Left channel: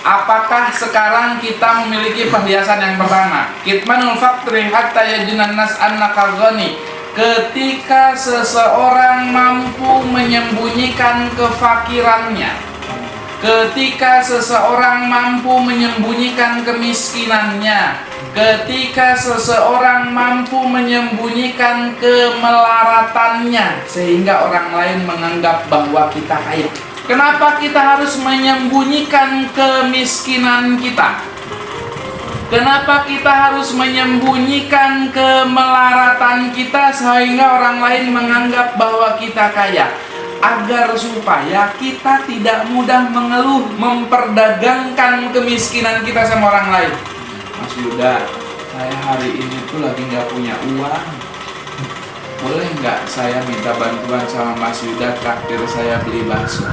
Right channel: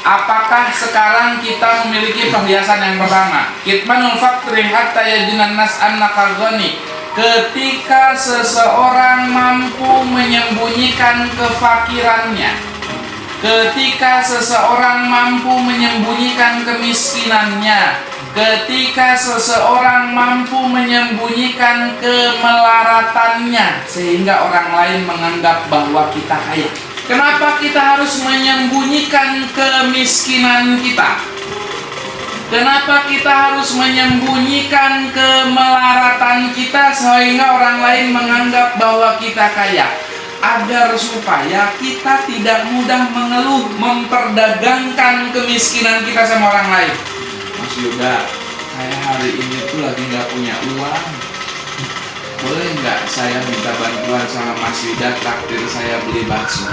Apakah sekarang kita memiliki perhiasan yang pertama? Kitmanul faqri hatta yajinan nas annaka ghani. Ketika seseorang mampu menyembunyikan kefakirannya, ketika seseorang mampu menyembunyikan kemiskinannya, ketika seseorang mampu menyembunyikan kemelaratannya, sehingga orang lain menganggap bahwa kita kaya. Kenapa kita harus menyembunyikan kemiskinan kita? Kenapa kita harus menyembunyikan kemelaratan kita sehingga orang lain menganggap bahwa kita kaya? Agar supaya kita tidak mudah mengeluh, memperdagangkan kemiskinan kita sama orang lain. Mas Yuda, saya hari ini tuh lagi nggak punya uang. Boleh nggak saya minta bantuan sama Mas Yuda, traktir saya beli bakso?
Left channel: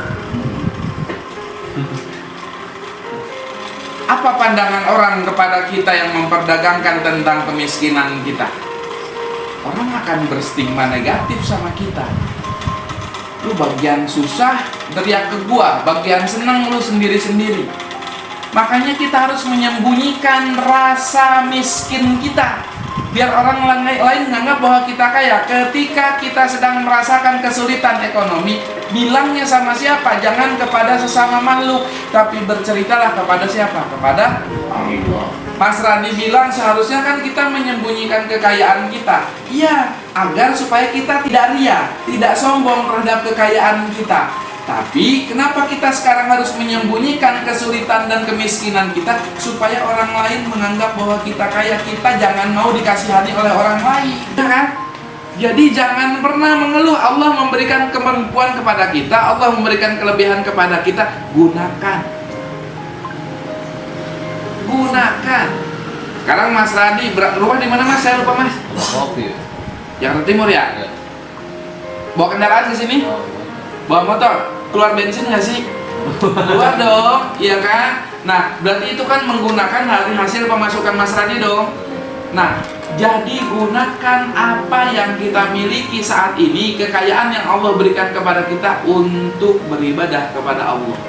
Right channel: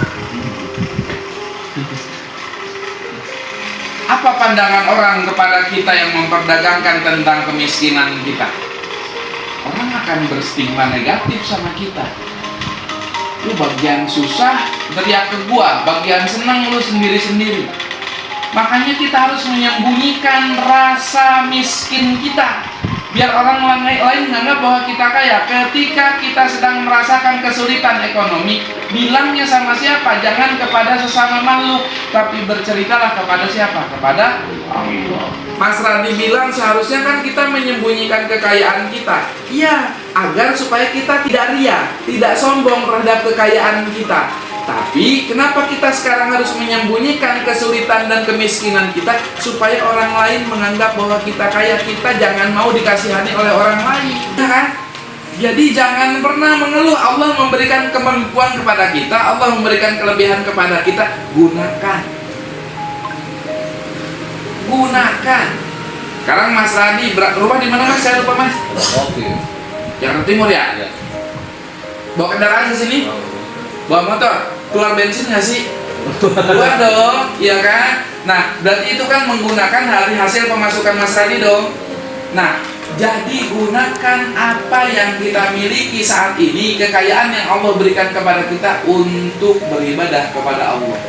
Apa pandangan orang kepada kita yang memperdagangkan tentang kemiskinan kita? Orang akan berstigma negatif sama kita. Lu bagian susah teriak ke gua, bagian senang lu sendiri-sendiri. Makanya kita harus menyembunyikan rasa miskin kita, biar orang lain menganggap bahwa kita kaya. Ketika kita sedang merasakan kesulitan ekonomi, bilangnya sama siapa? Jangan kepada sesama makhluk, tapi berceritalah kepada siapa? Kepada Allah. Mas Radi bilang seharusnya kan kita menyembunyikan kekayaan kita. Iya, agar supaya kita tidak ria, tidak sombong terhadap kekayaan kita. Tapi kenapa kita sekarang harus menyembunyikan kesulitan dan kemiskinan kita? Supaya orang lain menganggap bahwa kita kaya. Kita jangan mau dikasihani oleh orang lain, ya kan? Jadi jangan pernah mengeluh. Allah memberikan kemampuan kepada kita, Allah memberikan kelebihan kepada kita. Gunakan. Sekarang Mas Radi rumah di mana Mas? Saya lupa Mas. Jakarta Timur ya? Bawa kendaraan ke sini? Bawa motor? Keluar bensin nggak sih? Keluar dong, iya kan? Nah, berarti itu kan menggunakan dari hasil pemasukan Mas Radi dong. Nah, jadi gunakan apa yang kita miliki saat ini, kekayaan yang Allah berikan kepada kita untuk beribadah kepada Allah.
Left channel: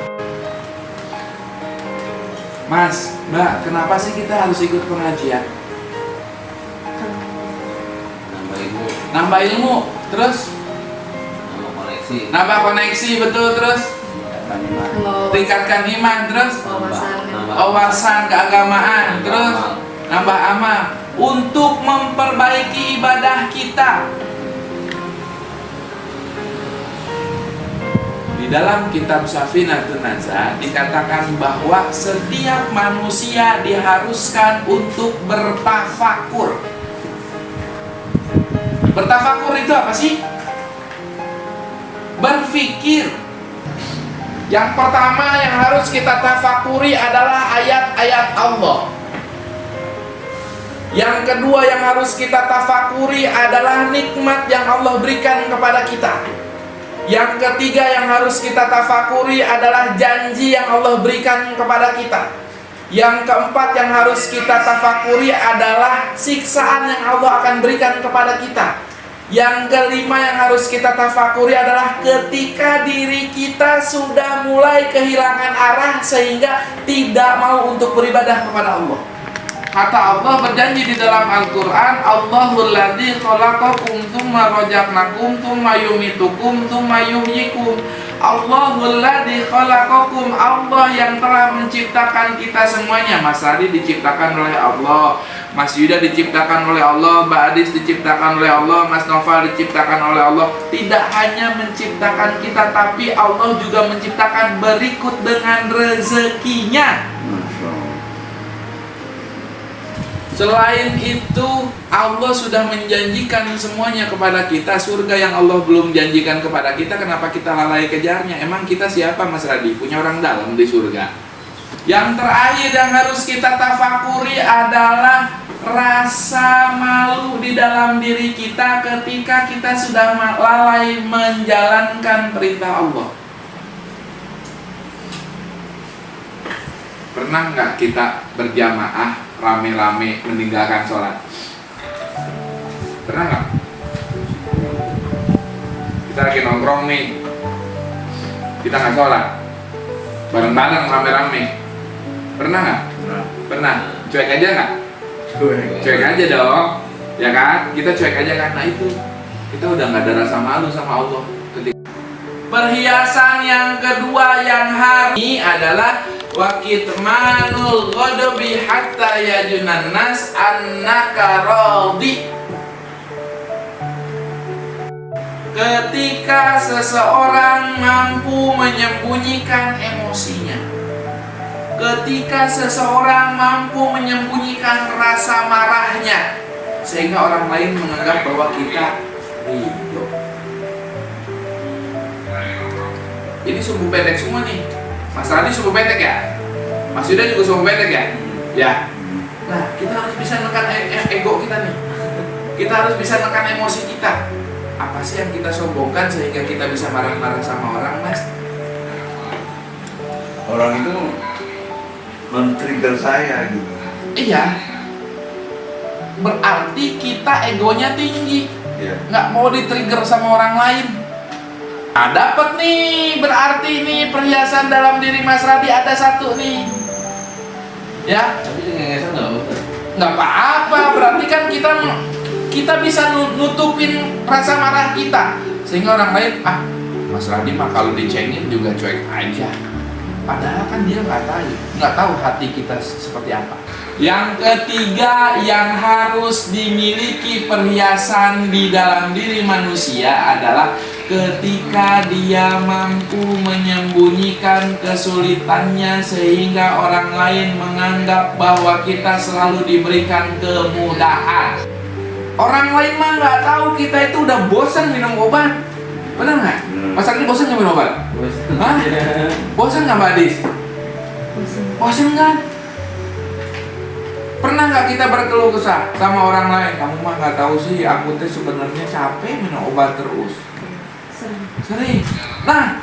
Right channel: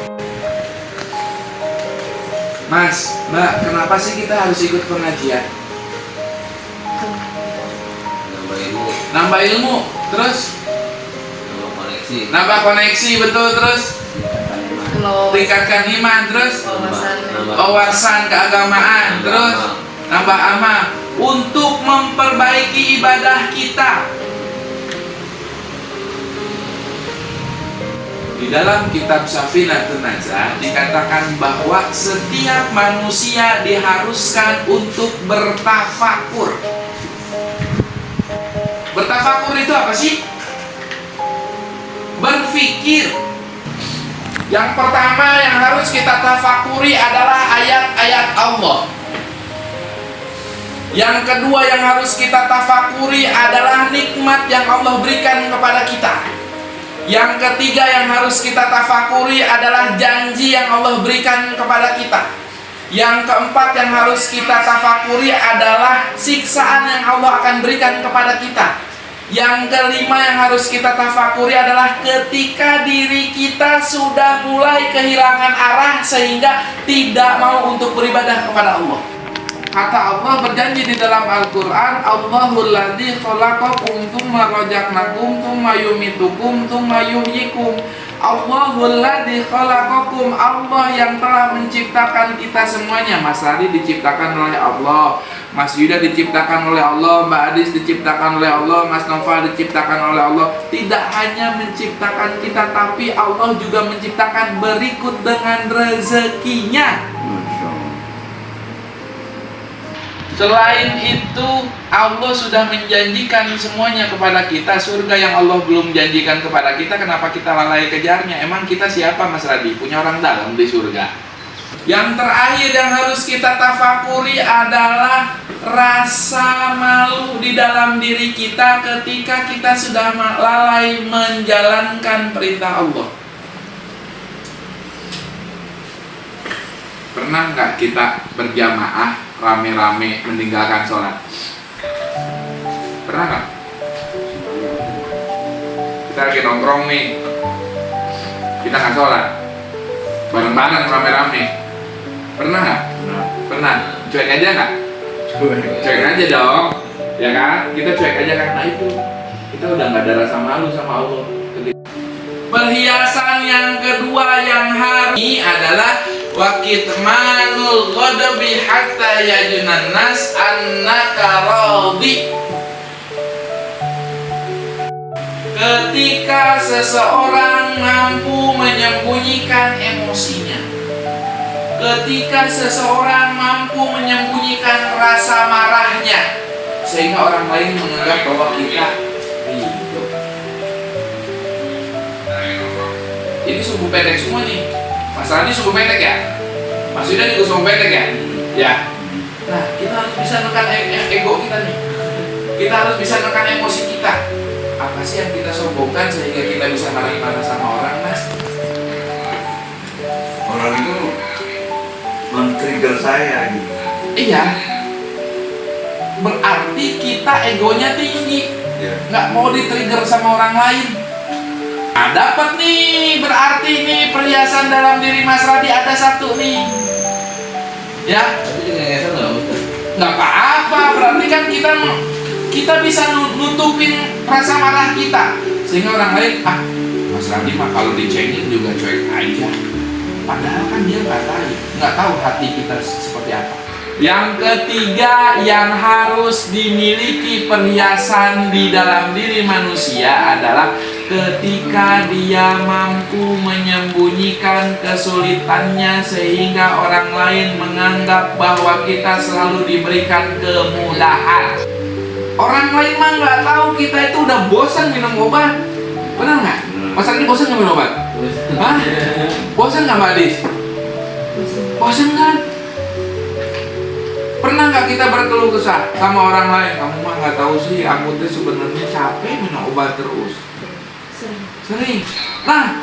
Mas, Mbak, kenapa sih kita harus ikut pengajian? Nambah ilmu, terus? Nambah koneksi, betul, terus? Tingkatkan iman, terus? Wawasan keagamaan, terus? Nambah amal, untuk memperbaiki ibadah kita. Di dalam kitab Safinatun Najah dikatakan bahwa setiap manusia diharuskan untuk bertafakur. Bertafakur itu apa sih? Berpikir. Yang pertama yang harus kita tafakuri adalah ayat-ayat Allah. Yang kedua yang harus kita tafakuri adalah nikmat yang Allah berikan kepada kita. Yang ketiga yang harus kita tafakuri adalah janji yang Allah berikan kepada kita. Yang keempat yang harus kita tafakuri adalah siksaan yang Allah akan berikan kepada kita. Yang kelima yang harus kita tafakuri adalah ketika diri kita sudah mulai kehilangan arah sehingga tidak mau untuk beribadah kepada Allah. Kata Allah berjanji di dalam Al-Quran, Allahul ladzi khalaqakum tsumma rajaqnakum tsumma yumitukum tsumma yuhyikum. Allahul ladzi khalaqakum, Allah yang telah menciptakan kita semuanya. Mas Adi diciptakan oleh Allah, Mas Yuda diciptakan oleh Allah, Mbak Adis diciptakan oleh Allah, Mas Noval diciptakan oleh Allah. Tidak hanya menciptakan kita, tapi Allah juga menciptakan berikut dengan rezekinya. Selain itu, Allah sudah menjanjikan semuanya kepada kita. Surga yang Allah belum janjikan kepada kita, kenapa kita lalai kejarnya? Emang kita siapa Mas Radi? Punya orang dalam di surga. Yang terakhir yang harus kita tafakuri adalah rasa malu di dalam diri kita ketika kita sudah lalai menjalankan perintah Allah. Pernah nggak kita berjamaah rame-rame meninggalkan sholat? Pernah nggak? Kita lagi nongkrong nih, kita nggak sholat, bareng-bareng rame-rame. Pernah nggak? Nah, Pernah. Cuek aja nggak? cuek. Cuek aja dong. Ya kan? Kita cuek aja karena itu. Kita udah nggak ada rasa malu sama Allah. Perhiasan yang kedua yang harus ini adalah wakitmanul ghadabi hatta yajunan nas annaka radhi. Ketika seseorang mampu menyembunyikan emosinya, ketika seseorang mampu menyembunyikan rasa marahnya, sehingga orang lain menganggap bahwa kita ridho. Ini suku pendek semua nih. Mas Radi suku pendek ya? Mas Yuda juga suku pendek ya? Ya. Nah, kita harus bisa nekan ego kita nih. Kita harus bisa nekan emosi kita. Apa sih yang kita sombongkan sehingga kita bisa marah-marah sama orang, Mas? Orang itu men-trigger saya gitu. Iya. Berarti kita egonya tinggi. Iya. Nggak mau di-trigger sama orang lain. Nah, dapat nih, berarti nih perhiasan dalam diri Mas Radi ada satu nih. Ya, Tapi dengan nggak mungkin. nggak apa-apa. Berarti kan kita bisa nutupin rasa marah kita, sehingga orang lain, Mas Radi mah kalau dicengin juga cuek aja. Padahal kan dia nggak tahu hati kita seperti apa. Yang ketiga yang harus dimiliki perhiasan di dalam diri manusia adalah ketika dia mampu menyembunyikan kesulitannya sehingga orang lain menganggap bahwa kita selalu diberikan kemudahan. Orang lain mah nggak tahu kita itu udah bosan minum obat. Benar nggak? Masa ini bosan nggak minum obat? Hah? Bosan nggak Mbak Adis? Bosan kan? Pernah nggak kita berkeluh kesah sama orang lain? Kamu mah nggak tahu sih, aku tuh sebenarnya capek minum obat terus. Sering. Nah,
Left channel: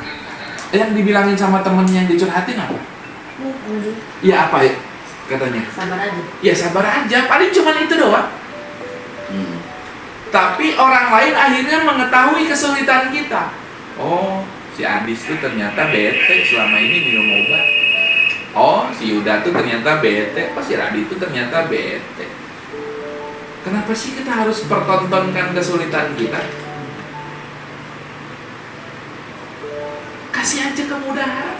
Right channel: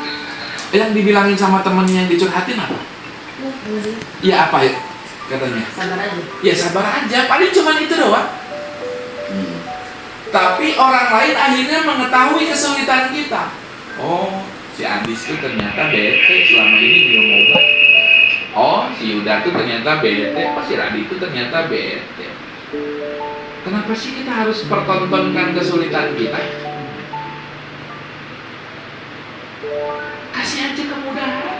yang dibilangin sama temen yang dicurhatin apa? Ya apa ya katanya? Sabar aja. Ya sabar aja, paling cuma itu doang. Tapi orang lain akhirnya mengetahui kesulitan kita. Oh, si Adis tuh ternyata bete selama ini minum obat. Oh, si Yuda tuh ternyata bete. Oh, si Radi tuh ternyata bete. Kenapa sih kita harus pertontonkan kesulitan kita? Kasih aja kemudahan.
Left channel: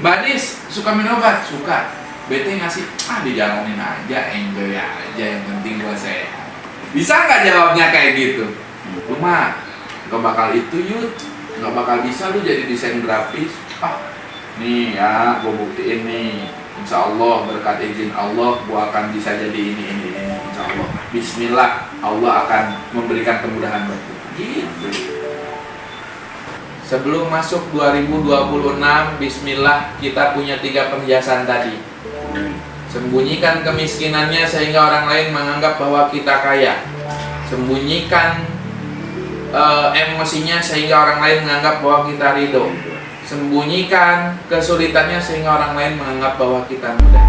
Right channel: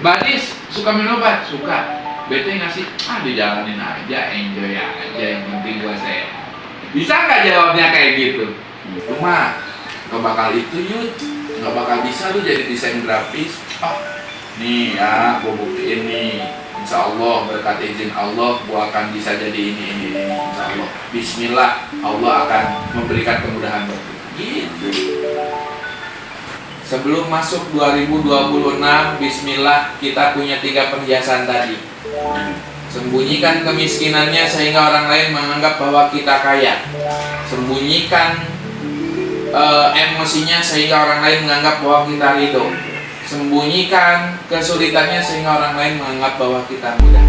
Mbak Adis suka minum obat? Suka. Bete ngasih, dijalanin aja, enjoy aja, yang penting gua sehat. Bisa nggak jawabnya kayak gitu? Lu mah gak bakal itu Yud, gak bakal bisa lu jadi desain grafis. Nih ya, gua buktiin nih. Insya Allah berkat izin Allah, gua akan bisa jadi ini. Insya Allah. Bismillah, Allah akan memberikan kemudahan buat gua. Gitu. Sebelum masuk 2026, Bismillah, kita punya 3 perhiasan tadi. Sembunyikan kemiskinannya sehingga orang lain menganggap bahwa kita kaya. Sembunyikan emosinya sehingga orang lain menganggap bahwa kita ridho. Sembunyikan kesulitannya sehingga orang lain menganggap bahwa kita mudah.